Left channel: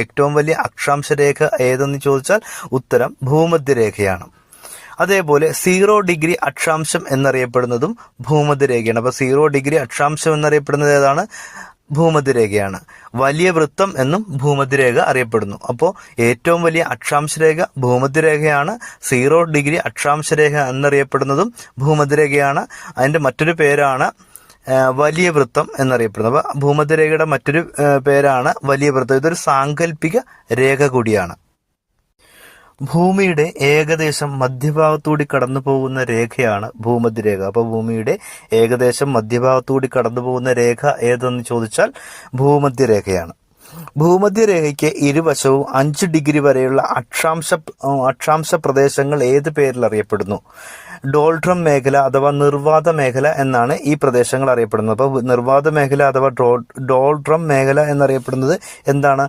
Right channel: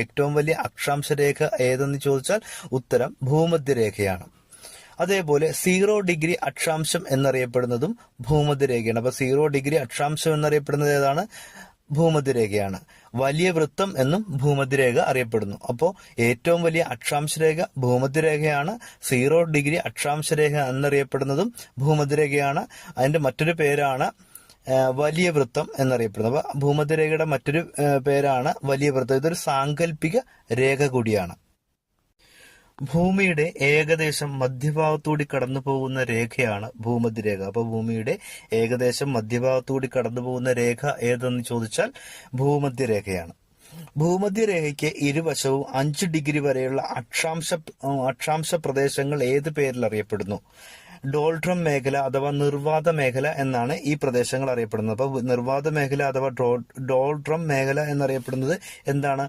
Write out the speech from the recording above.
ഏറ്റവും വലിയ അക്ഷാംശ രേഖ ഏതെന്ന് ചോദിച്ചാൽ ഉത്തരം ഭൂമധ്യരേഖയാണ്. അതേപോലെ 0 ഡിഗ്രി അക്ഷാംശം എന്നറിയപ്പെടുന്നതും ഭൂമധ്യരേഖയാണ്. അപ്പോൾ 0 ഡിഗ്രി അക്ഷാംശം എന്നറിയപ്പെടുന്നത് ഏതാണ്? ഭൂമധ്യരേഖയാണ്. വലിയ വൃത്തം എന്നും ഭൂമധ്യരേഖ അറിയപ്പെടുന്നു. അപ്പോൾ ഏറ്റവും വലിയ അക്ഷാംശ രേഖ ഭൂമധ്യരേഖയാണ്. 0 ഡിഗ്രി അക്ഷാംശ രേഖ എന്നറിയപ്പെടുന്നതും ഭൂമധ്യരേഖയാണ്. അതിന്റെ മറ്റൊരു പേരാണ് വലിയ വൃത്തം എന്നറിയപ്പെടുന്നത്. അപ്പോൾ ഭൂമധ്യരേഖയുടെ മറ്റൊരു പേരാണ് വലിയ വൃത്തം. ഇതൊരു സാങ്കല്പിക രേഖ കൂടിയാണ്. ഭൂമിയുടെ ഏകദേശം മധ്യഭാഗത്തൂടി കടന്നു പോകുന്ന രേഖയാണ് ഭൂമധ്യരേഖ. അപ്പോൾ ഭൂമിയുടെ ഏകദേശം മധ്യഭാഗത്തൂടി കടന്നു പോകുന്ന രേഖ ഏതെന്ന് ചോദിച്ചാൽ ഭൂമധ്യരേഖയാണ്. ഭൂമധ്യരേഖയ്ക്ക് ഇരുവശവും 5 ഡിഗ്രി വരെയുള്ള അക്ഷാംശ പ്രദേശങ്ങൾ ഏത് പേരിൽ അറിയപ്പെടുന്നു? ഡോൾഡ്രം മേഖല അഥവാ നിർവാത മേഖല എന്നാണ് ഈ പ്രദേശങ്ങൾ അറിയപ്പെടുന്നത്. അപ്പോൾ നിർവാത മേഖല അഥവാ ഡോൾഡ്രം മേഖല എന്നറിയപ്പെടുന്നത് എന്താണ്?